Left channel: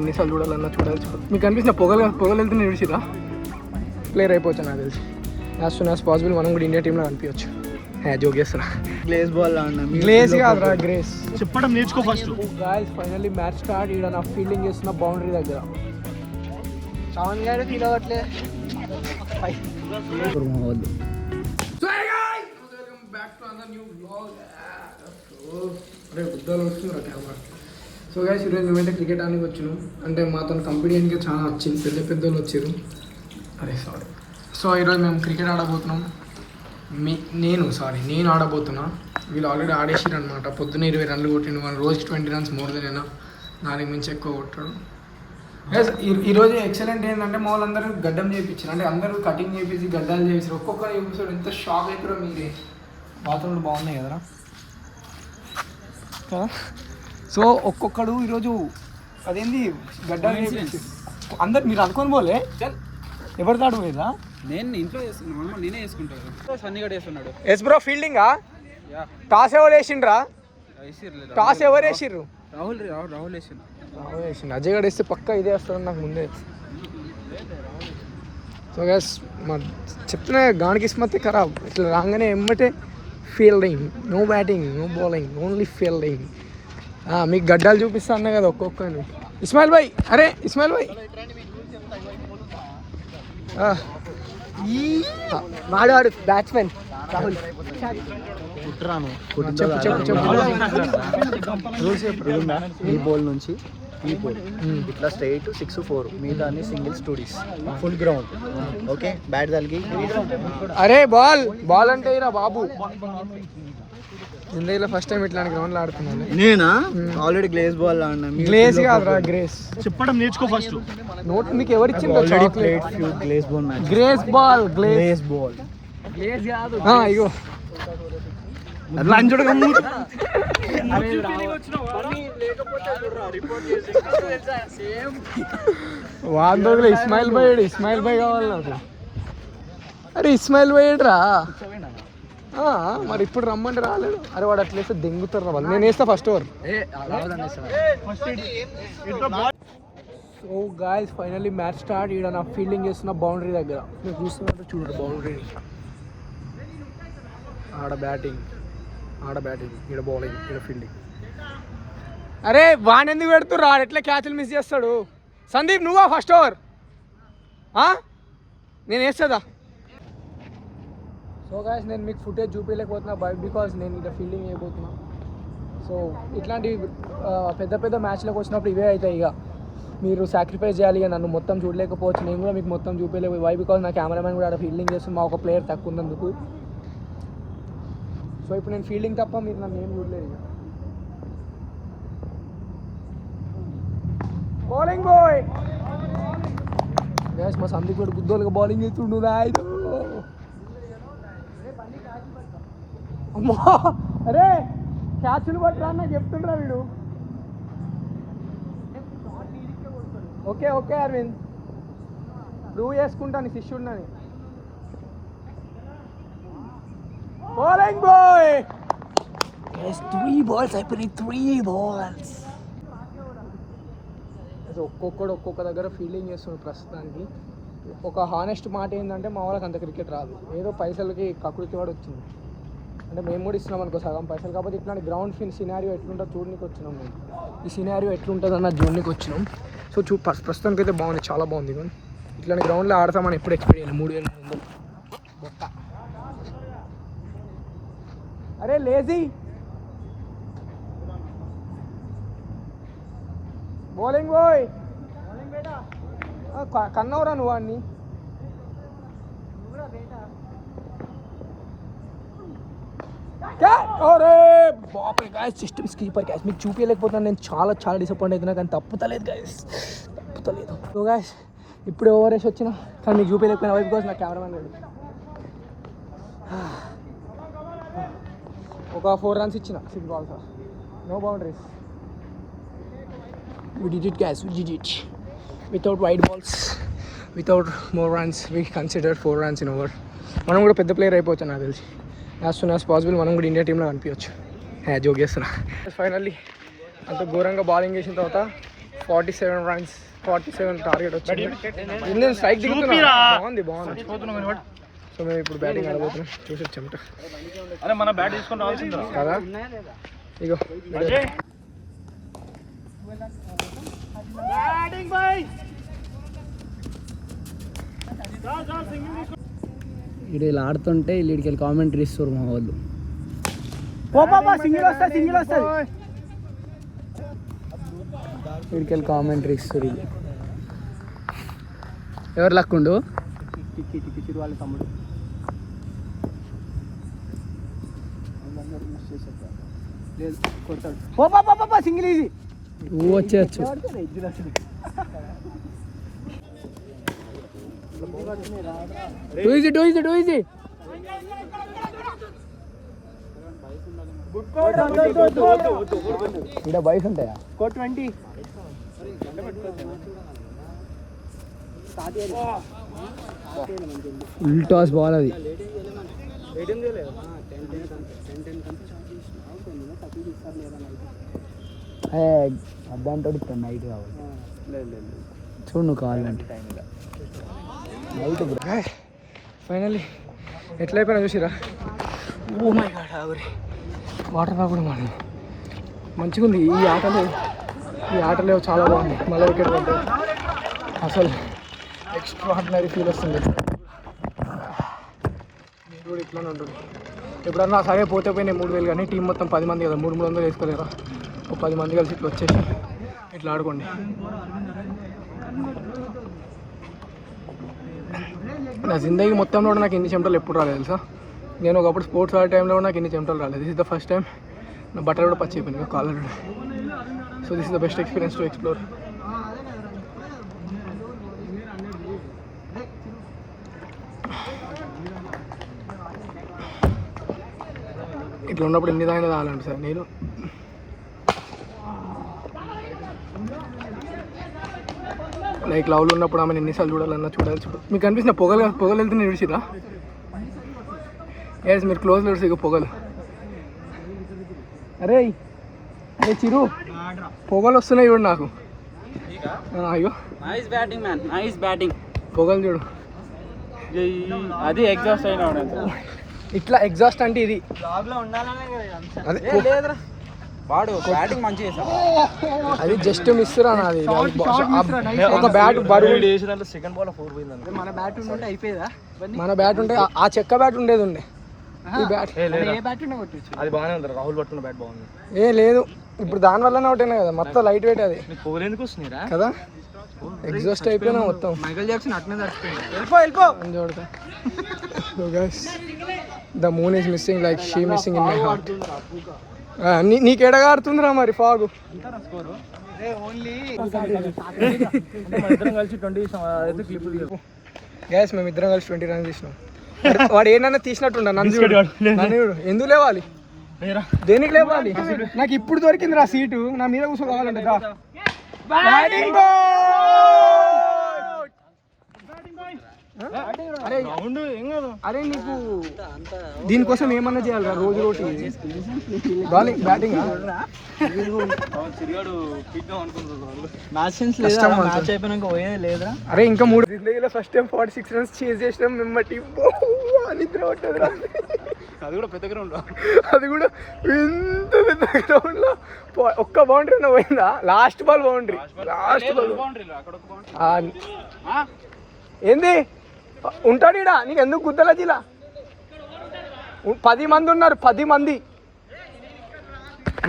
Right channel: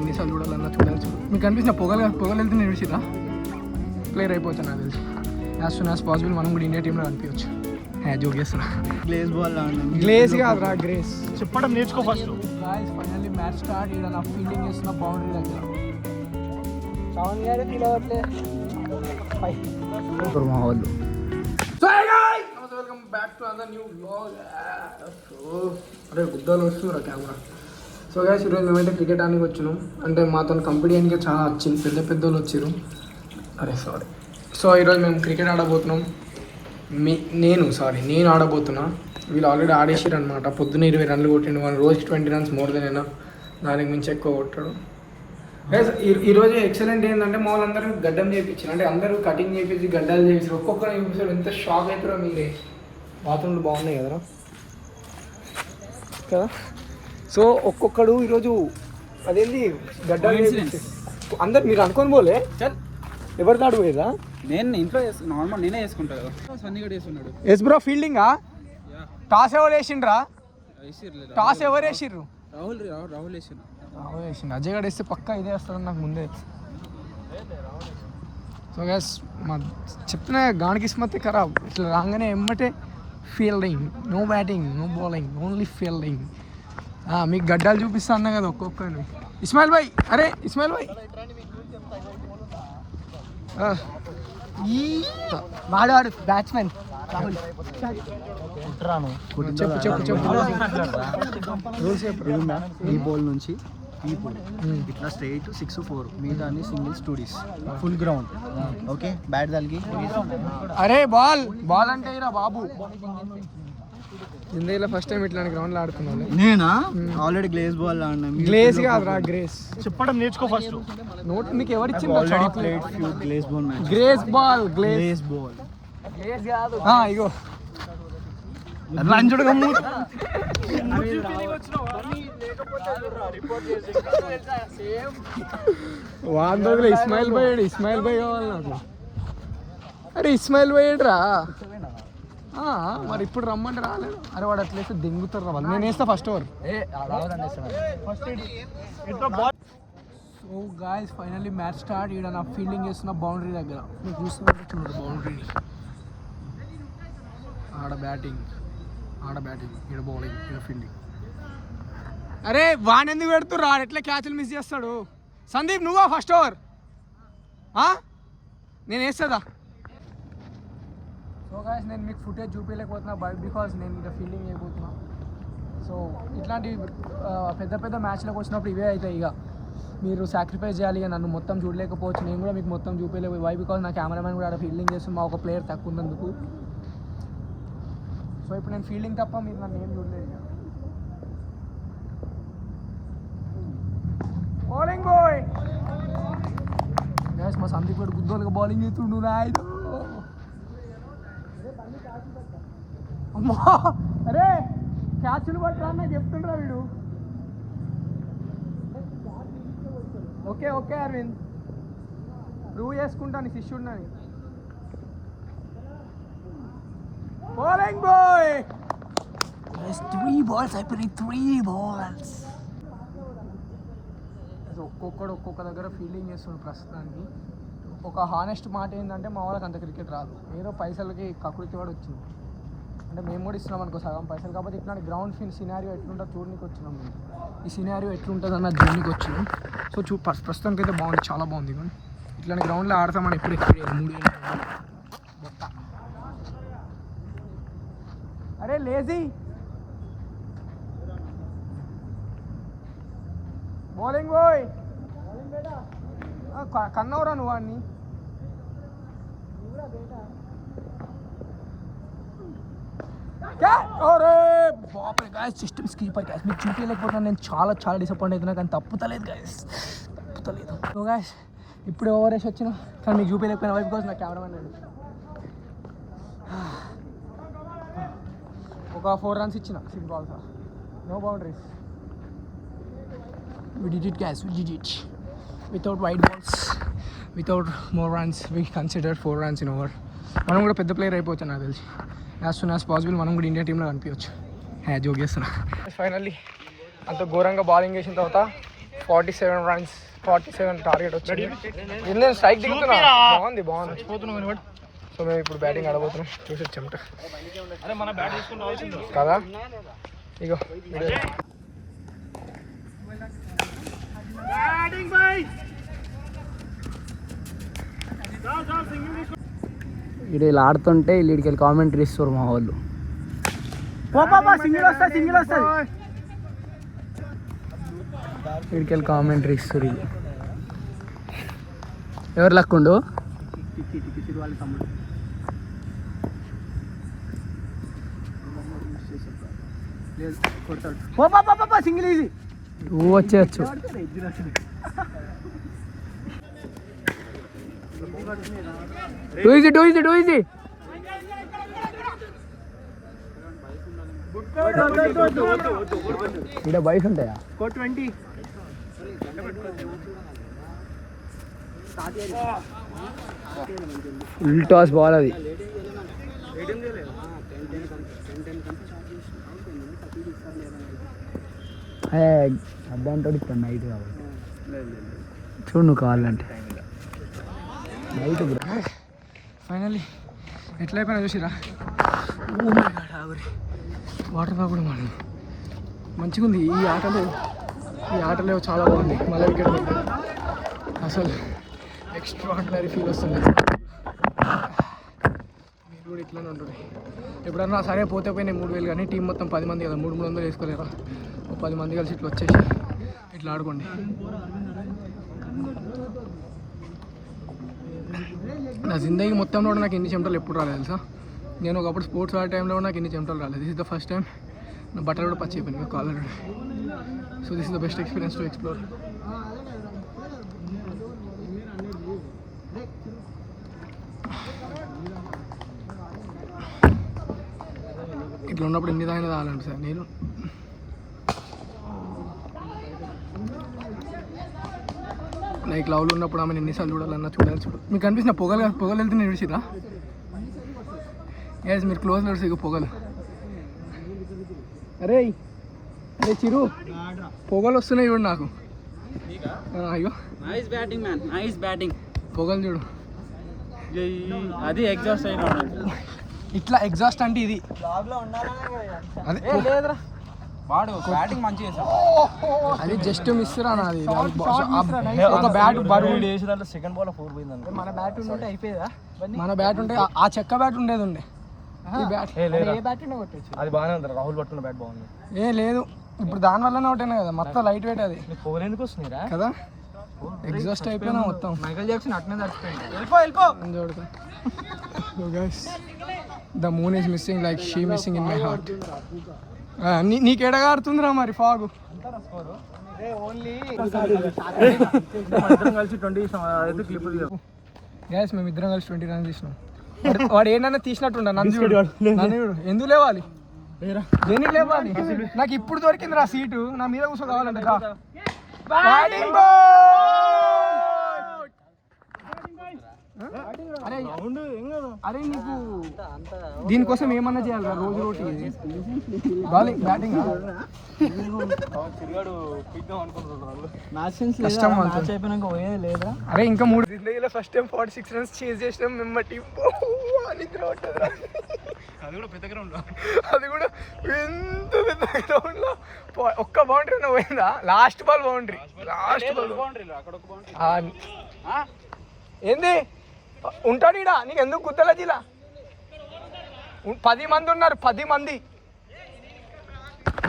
ఎన్నిసార్లు చూడాలన్నా చూడాలి. మీకు అనిపించిన పొగలు వెళ్తే నిడిచిరా ప్లేయర్ అయిపోవచ్చు నాకు తెలిసి. యాజ్ సూన్ యాజ్ పాసిబుల్ మనం కూడా ఇండియా టీంలో అనిపించవచ్చు. జోగేస్తారా గ్లేజ్ బాల్ గ్లేజ్ కాదురా గ్రేస్. చెప్పడం నేర్చుకో first. Guys finally match start. ఇక్కడ నా ఫీల్డింగ్ చేస్తున్న బౌండరీ దగ్గర. Welcome back to another new vlog. అరే గుద్దాలు వస్తున్నారు కెమెరా. సో గైస్ ఈరోజు మేమైతే క్రికెట్ ఆడడానికి వచ్చినాం. అంటే మాతో కంపెనీకి చాలా వచ్చింది, పెద్ద వాళ్ళు వచ్చారు. అరే సారీ. సో ఈరోజు మేము క్రికెట్ ఆడబోతున్నాం. నేను ఆడబోతున్నా. వీళ్ళు ఆల్రెడీ ఆడేసారు అనమాట. పొద్దున్న 20 రన్లు కొట్టిండు. వాళ్ళు రోజుకి 20 రన్స్ మోర్ దెన్ అయినా, దానికి మించి ఎక్కువ కొట్టాడు. గైస్ ఈరోజు ఎక్సలెంట్ ఏంటంటే మా వాళ్ళందరూ గడ్డం చేయించారు. అంటే అందరూ కటింగ్ చేయించి గడ్డాలు చేయించారు. ఒక్కొక్కరు చూపిస్తారు. ఎంత షాక్ అవుతారో మీరే. బాత్రూమ్లు బాగున్నాయి కదరా కదా. సో ఒక్కొక్కడు ఈరోజు అదేంది గడ్డాలు చేయించారు. అందరు మీరు అనుకొని పోలే ఎవరు తాడు పోయిరా. నేను ఇంట్లో నార్మల్ నేనే వేసుకుంటాను. సన్నీ గడ్ వేస్తున్నాడు. Yes bro ఫీల్డింగా. టాస్ ఎవరు వేసిండ్రా? టాస్ ఎవరు వేసిర్రు? రాహుల్ వేసిండు. అజయ్ గడ్ వేస్తే పక్కా ఇదే వస్తుంది నాకు ముందే. సో గైస్ మా చెప్తున్నా గాని కిస్మత్ ఖరాబ్. ఇట్లా రాగానే ఎమ్మటే fielding, no batting, no bowling, only fielding. మీకు గడ్డాలు చూపిస్తా అన్నా కదా ఒక్కొక్కరిని. ఇస్మాయిల్ భాయ్, అరే ఇస్మాయిల్ భాయ్ వాడాడు బ్యాట్స్మెన్ రాహుల్. ఈ బాల్ నుంచి ఈ బాల్ ఇట్లా స్ట్రైట్ 6-4, మిగతా అన్ని singles 2Ds, full ground. Okay bat తలిగి. అరే బాల్ అంటే ఇరా బాబు. జిందగీలో ఫస్ట్ టైం ఇట్లాంటి గ్రౌండ్లో ఆడుతున్నాను. నేనా ఆల్రెడీ గ్లేజ్ బాల్ ఆడినా. గ్లేజ్ కాదురా గ్రేస్. చెప్పడం నేర్చుకో ఫస్ట్. నోట్ మీకు ఎవరు ఇచ్చిందో chocolate. Glaze ball match. Glaze ball glaze ball glaze కాదు. ఇగో లంచుడు కమ్ము. వాందోగులు ఇస్మాయిల్ భాయ్ కావాలి నాకు. అరే ఇస్మాయిల్ భాయ్ రా. మరి ఇప్పుడు రమ్మంటే రాలేడు. అరే వాడు అట్లేస్తే దెంగుతారు వాళ్ళు. నేను వేస్తా first over. So guys finally match start. ఇక్కడ నా ఫీల్డింగ్ చేస్తున్న బౌండరీ దగ్గర. మీరు చూస్తున్నట్టు చూడరు బౌండరీని. ఆడ బ్యాటింగ్, ఇక్కడ బౌలింగ్, ఇక్కడ ఫీల్డింగ్. అరే వాడిని ఎందుకు పెడుతుర్రు? ఆడు ఎట్లా క్యాచ్లు మిస్ చేస్తాడు. సందీప్ నువ్వా ఫస్ట్ ఓవర్? నేను వేస్తుందా? సో గాయస్ నేను మీకు ఫుటేజ్ చూపించలేకపోతున్నా బికాజ్ నేను ఇక్కడ ఫీల్డింగ్ చేయబోతున్నా. సో ఇట్లాంటి పెద్ద మ్యాచ్లకు వచ్చినప్పుడు ఇవే అవుతాయి. ఇక మీరు సాక్రిఫైస్ చేయాలి. ఇక నన్ను మొత్తం చూడలేకపోవచ్చు. నేను కూడా మీకు మొత్తం చూపించలేకపోయి. వై బికాజ్ నా కెమెరామెన్ కూడా ఆడ ఫీల్డింగ్ చేస్తుంది. మా ఒక ప్లేయర్ తక్కువ ఉన్నందుకు. సో ఇప్పుడు నేను ఫీల్డింగ్ తప్ప మీరు నన్ను ఏం చూడలేదు. ఇక బౌలింగ్ బాయ్ గ్యాస్. మా సందీప్ కూడా గుద్దోలుగా బౌలింగ్ చేస్తుండు. నాయుడు అమ్మా. అరే క్యాచ్లు పట్టరా నాకు చెప్తుండ్రా వీడు. ఓకే అరవింద్ ప్రూవ్ చేసుకుంటాను శిష్యుడినని. Bowling bye. 3 balls అయిపోయినాయి. 3 balls. ఒక్కొక్క దగ్గర ఫీల్డింగ్ చేస్తున్నాడు ప్రస్తుతానికి. ఒక హానెస్ట్ మాట ఏంటంటే మా వాళ్ళకి అంత క్రికెట్ రాదు. ఏదో పైసలకి కకృతి వాడు వచ్చింది. అంటే మేము కూడా ఇస్తున్నాం అనుకో సగం పైసలు. కాకపోతే ఇట్లాంటి గ్రౌండ్ సినారియో ఎట్లుంటుందో చూడడానికి వచ్చినాం మేము. ఈ సినారియో ఎట్లుంటుంది అన్న చూడడానికి వచ్చినాం. సో ప్రస్తుతానికి అయితే బాగుంది, చాలా బాగుంది. కానీ ఇట్లాంటి గ్రౌండ్లో ఆడతామని ఎప్పుడు ఎక్స్పీరియన్స్ 3,000 బొక్క. అరే లేజీ బౌలింగ్ బాయ్. కన్నవరా నువ్వు వాడిని. బాపరే గాయస్ సిస్టమ్ స్కీపర్ గాయస్. మీకు చూపించలేకపోతున్నాను. నేను చాలా డిసప్పాయింట్ అవుతున్నా. కానీ తప్పుతలేదు గాయస్, తప్పుతలేదు. సో గాయస్ ఇప్పుడు ఓవర్ వేసి వచ్చినా కానీ మీకు చూపించలేకపోయినా వైపు కోసం నా కెమెరామెన్ లేడు. ఒక 4 runs ఇచ్చిన 6 balls, no boundaries. We did it guys, we did it. Without wide balls, without more runs, we considered 4 runs in over. మనం కూడా పెద్ద ప్లేయర్ అయిపోవచ్చు నాకు తెలిసి. యాజ్ సూన్ యాజ్ పాసిబుల్ మనం కూడా ఇండియా టీంలో అనిపించవచ్చు. జోగేస్తున్నా. ఫైనల్లీ అంత ఘోరంగా బౌలింగ్ చేసిన తర్వాత 47 runs, 47 టార్గెట్ వచ్చింది. నేను స్ట్రైక్ దిగుతున్నా, బాగుంది. సో మేము ఇప్పుడు బ్యాటింగ్ ఆడబోతున్నాం, చూసి చెమట కదా. ఇగో వీడియో ఇక్కడ ఇలా ఆడుతుంటే వీడికి కామెంటరీ ఇస్తారు మా వాళ్ళు. వీడికి కామెంటరీ ఇస్తారు. ఎవరు లక్కుండు నువ్వు వచ్చేయచ్చు. టూ ఈజీ ఇక్కడ బైక్స్ ఉంటాయా? ఫుల్ టాస్ బాల్ అది. అద్దాంతో ఇప్పుడు నైట్ కావాలి చూడు నువ్వు కావాలంటే. ఫైనల్లీ ఎట్లా అయిపోయినా చూసిరా. ఓ మై గాడ్, ఆవిరి వాటర్ రాకూడదు మనం. మంచిగా ఉంది ఈ ఆటలో చాలా బాగుంది. మళ్ళీ వికెట్ పడ్డాయి, అసలు ఎక్స్ట్రా ఆర్డినరీ ఫీల్ వస్తుంది. మీరు కూడా ఇట్లానే ఉంటుంది. ఎప్పుడన్నా సరే పోతే పోయినాయి 3000, కానీ టీం మొత్తం 10 మంది కదా, 300 వేసుకోలేరా. ఒక 10 మంది కలిసి ఇట్లా వచ్చేసి ఇట్లా ఆడుకోండి. నా జిందగీ మొత్తంలో కూడా నాకు ఇన్ని చెమటలు ఎప్పుడు రాలేదు తెలుసా. నేను ఒకప్పుడు స్పోర్ట్స్ ఆడే టైంలో కూడా నాకు ఇన్ని చెమటలు రాలేదు. This is the first time. నా బట్టలు కూడా పచ్చి అయిపోయినాయి collar. So this is the best experience to explore. ఇట్లా ఉన్నప్పుడు ఎన్ని దాయినా తాగాలండి సార్ నేను. లైక్ లవ్లో ఉన్నప్పుడు ఆమె ఎన్నిసార్లు చూడాలన్నా చూడు. మీకు కనిపిస్తున్న పొగలు వెళ్తే నేను విడిచిరా. ఎస్ మీరు క్లోజ్లో విడిచి పొగలు. అరే చిరు పొగలు వస్తున్నాయి చూడు నాకు. అయ్యో నైస్ బ్యాటింగ్. పొగలు చూడు, అది ఎగ్జాస్ట్ అయినా ఇట్లా ఎగ్జాస్ట్ అంటే ఇది. అదే వాడు బ్యాటింగ్ మంచిగా చేశాడు. అది జస్ట్ మిస్ రా నాది. ఒక బ్యాట్ బరువు. సెకండ్ బాల్ 4 పోయింది. మన బ్యాట్ ఉంటే ఆ చెక్క బ్యాట్ ఉండేది. ఈ బ్యాట్ అది బాగానే ఉంది. రాహుల్ పట్టుకున్న బ్యాట్ బాగుంది. లేదు ఇప్పుడు దాని వల్లనే ఒకటేనా కదా, మొత్తం లైట్ వెయిట్ అది కదా. ఎగ్జాస్ట్ అయిపోయినా మొత్తం. మైకల్ జాక్సన్ అట్నే వెళ్ళిపో the moon is missing like she missing in my heart. నీకెడగా ఆడుతుందిరా మరి ఫాగు. గ్యాస్ మేము ఇద్దరం కలిసి 20 రన్స్ తీసినాం. వాడు ఏమన్నా తీసినట్టుండ నన్ను ఎందుకు లేవాలి, దేనికి లేవాలి? నాకు ఇప్పుడు దొరికింది రా సీటు, నా మీద కూర్చో కావాలంటే. అరే నీకు దీనికోసం ఏమన్నా చేయాలిరా రోజు రోటీ. బౌలింగ్ బ్యాటింగ్ అరే ఇంకా 3 జిందగీలో ఫస్ట్ టైం 46 రన్స్ చేజ్ చేసినాం మేము. టీం నిద్ర పట్టదు. అది కూడా పెద్ద గ్రౌండ్, అది కూడా ఎంత పెద్ద గ్రౌండ్ లో ఒక్క బౌండరీ పోయిందా. Last ball boundary. ఏంది ఉంటాడు ఈడ, నీకు ఎందుకు గుద్దల జిలా. 10 మంది ఉన్నారు, 10 మంది.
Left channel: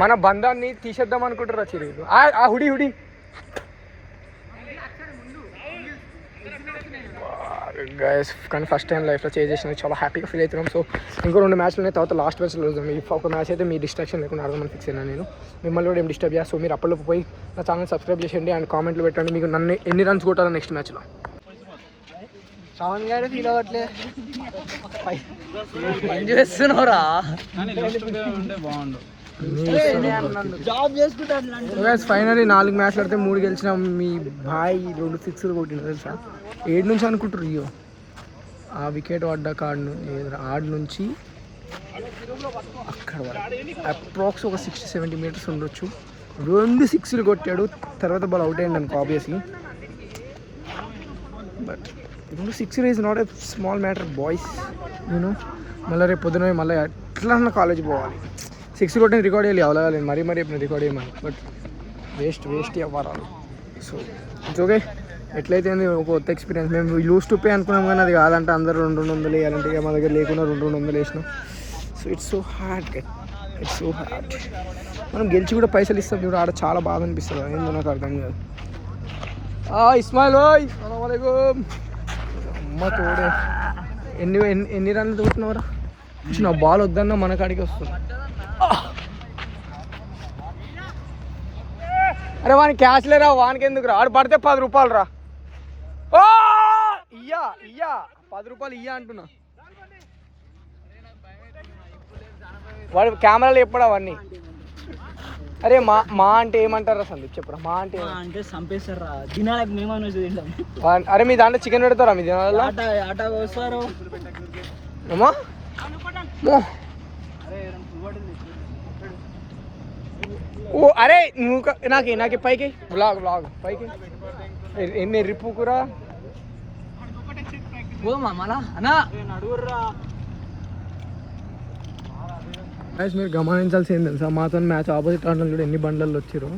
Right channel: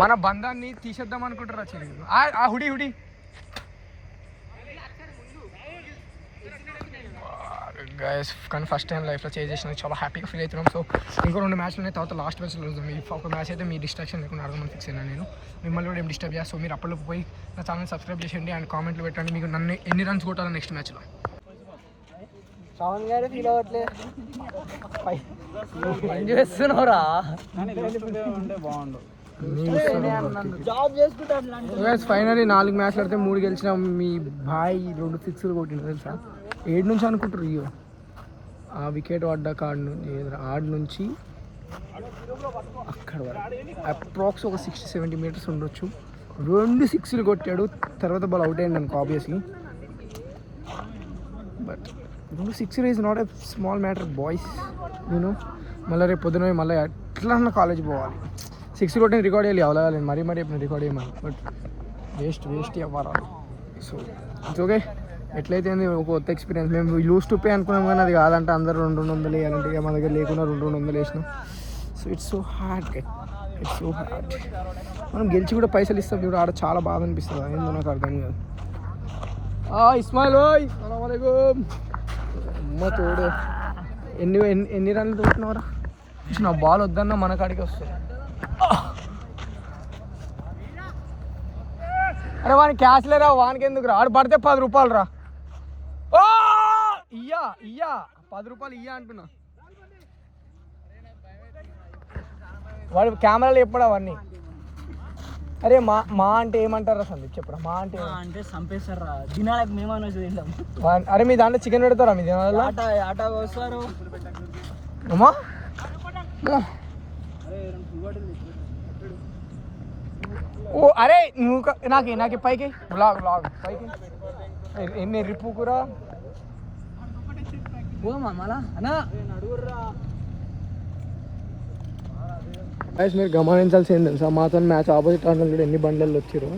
మన బంధాన్ని తీసేద్దాం అనుకుంటారా చిరు. ఆ హుడి గైస్. కానీ ఫస్ట్ టైం లైఫ్లో చేంజ్ చేసిన చాలా హ్యాపీగా ఫీల్ అవుతున్నాం. సో ఇంకో 2 మ్యాచ్లు ఉన్నాయి, తర్వాత లాస్ట్ మ్యాచ్లో చూద్దాం. ఒక మ్యాచ్ అయితే మీ డిస్ట్రాక్షన్ లేకుండా ఆడదామని ఫిక్స్ అయినా నేను. మిమ్మల్ని కూడా ఏం డిస్టర్బ్ చేస్తా. సో మీరు అప్పటిలోపు పోయి నా ఛానల్ సబ్స్క్రైబ్ చేయండి అండ్ కామెంట్లు పెట్టండి మీకు నన్ను ఎన్ని రన్స్ కొట్టాలి నెక్స్ట్ మ్యాచ్లో. ఫైనలీ 4 మ్యాచ్లు ఆడితే 3 గెలిచినాం. మీ బాయ్ 2 6లు కొట్టిన తెలుసా. 7 నుంచి అనుకుంటారు రియో. ఆ వికెట్ పడ్డ ఆడ నుంచి అక్కడ అప్రాక్స్ ఒక 60-70 మీటర్స్ ఉండొచ్చు. 2 సిక్స్లు కొట్టాడు, తర్వాత బాల్ అవుట్ అయ్యింది అనుకో ఆబ్వియస్లీ. బట్ 2 సిక్స్లు is not a small matter boys, you know. మళ్ళీ రేపు పొద్దున మళ్ళీ ఎట్లా కాలేజ్ పోవాలి, 6 కొట్టిన రికార్డ్ చేయాలి, అవలేదు మరీ ఇప్పుడు రికార్డ్ చేయమని. బట్ వేస్ట్ అవ్వరాలు. సో ఇట్స్ ఓకే, ఎట్లయితే ఒక కొత్త ఎక్స్పీరియన్స్. మేము లూజ్ టు పే అనుకున్నాం కానీ అది కాదంటే అందరూ 200 వేయాలంటే ఇక మా దగ్గర లేకుండా 200 వేసినాం. So it's so hard. మనం గెలిచి కూడా పైసలు ఇస్తాం చూడ, ఆడ చాలా బాధ అనిపిస్తుంది. ఏందో నాకు అర్థం కాదు. ఇస్మాయిల్ ఎన్ని రన్లు తోటినవరా? వచ్చిన బాల్ వద్దన్నా మన కాడికి వస్తుంది. అరే వానికి క్యాష్ లేరా, వానికి ఎందుకు రా? ఆడు పడితే 10 రూపాయలు రా. ఇయ్యా 10 రూపాయలు ఇయ్యా అంటున్నా. వాడు కెమెరాలు ఎప్పుడు అవన్నీ. అరే మా అంటే ఏమంటారా సందీప్ చెప్పురా? మా అంటే చంపేస్తారా దినాలకు మేమన్నా చూద్దాం. అరే మీ దాంట్లో చికెన్ పెడతారా మీ దినాలు? ఆట వస్తారు ఏమో అరే నువ్వు నాకు పైకి బ్లాగ్ పైకి ఎన్ని రిప్పుకురా మీరు గమనించాల్సి ఏంటి తెలుసా, మాతో మ్యాచ్ ఆపోజిట్ ఆటలు కూడా ఎన్ని బండ్లలో వచ్చారు.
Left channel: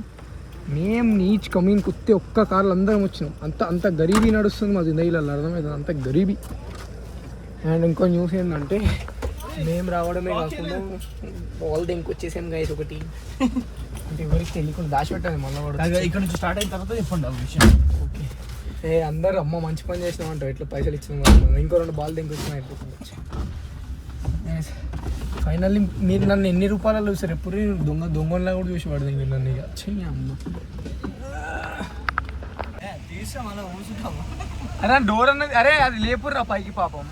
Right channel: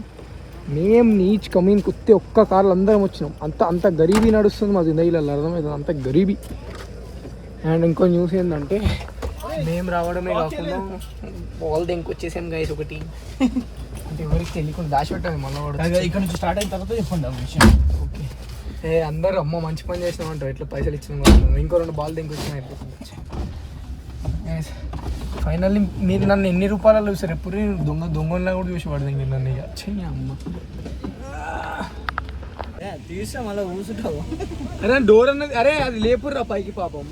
మేము నీచ్ కమీన్ కుత్తే ఒక్క కార్లు అందరం వచ్చినాం. అంత గరీబీ నడుస్తుంది మా జిందగీలలో, అర్థమవుతుంది అంత గరీబీ. అండ్ ఇంకో న్యూస్ ఏంటంటే మేము రావడమే కాకుండా బాల్ దెంకొచ్చేసాను గైస్ ఒకటి. అంటే ఎవరికి తెలియకుండా దాచిపెట్టాను మళ్ళీ వాడు. ఇక్కడ నుంచి స్టార్ట్ అయిన తర్వాత చెప్పండి ఆ విషయం. ఓకే అందరూ అమ్మ మంచి పని చేసినామంటారు, ఎట్లా పైసలు ఇచ్చినాం. ఇంకో 2 బాల్ దెంకొచ్చినా అయిపోతుంది. ఫైనల్లీ మీరు నన్ను ఎన్ని రూపాయలు చూసారు? ఎప్పుడు దొంగలా కూడా చూసి పడదు మీరు నన్ను. ఇక చెయ్యి అమ్మ అరే డోర్ అన్నది. అరే అది లేపుర్రా పైకి పాపం.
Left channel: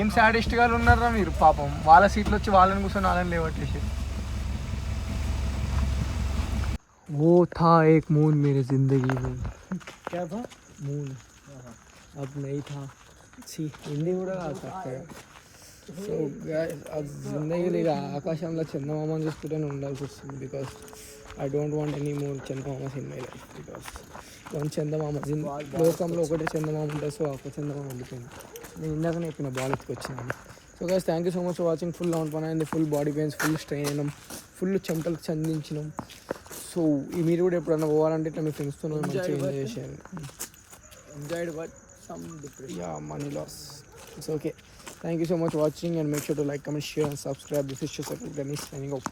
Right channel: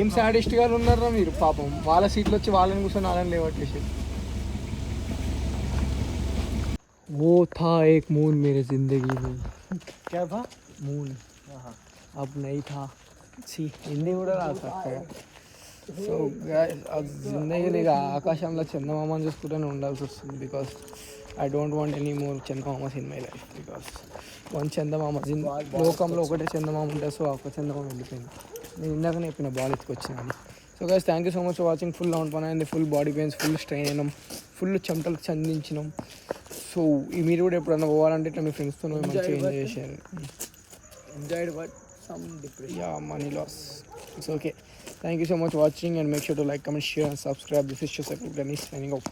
ఏం సాడిస్ట్ గా ఉన్నారా మీరు పాపం. వాళ్ళ సీట్లు వచ్చి వాళ్ళని కూర్చొని వాళ్ళని లేవట్టేసి. वो था एक मून मेरे जिंदगी में. क्या था? मून अब नहीं था. हिंदी కూడా రాదు చక్కగా. సో అది జిందగీలో ఇక ఆకాశంలో చందమామని చూసుకుంటూనే ఉండాల్సి వస్తుంది. Because I don't want any more చందమామస్ in my life. Because one చందమామ లోకంలో ఒకటే చందమామ ఉంటుంది. సో ఒక చందమామ వెళ్ళిపోయింది. నేను ఇందాకనే చెప్పిన బాల్ ఎత్తుకొచ్చినాను. So guys thank you so much for watching. Full out పని అయింది, full body pains, full strain అయినాం, ఫుల్ చెమటలకు చందించినాం. సో మీరు కూడా ఎప్పుడన్నా పోవాలంటే ఇట్లా మీ ఫ్రెండ్స్తో మంచిగా ఎంజాయ్ చేసేయాలి. Enjoyed but some depression, yeah money loss. It's okay. Thank you so much for watching and make sure to like, comment, share and subscribe. This is Shosakul Ganesh signing off.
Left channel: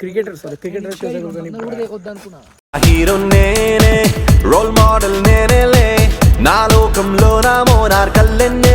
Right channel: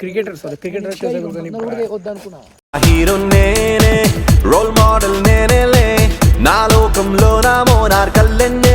Cricketer Shosakul Ganesh. Hero నేనే, role model నేనేలే, నా లోకంలో నా మోనార్ కల్లెన్నే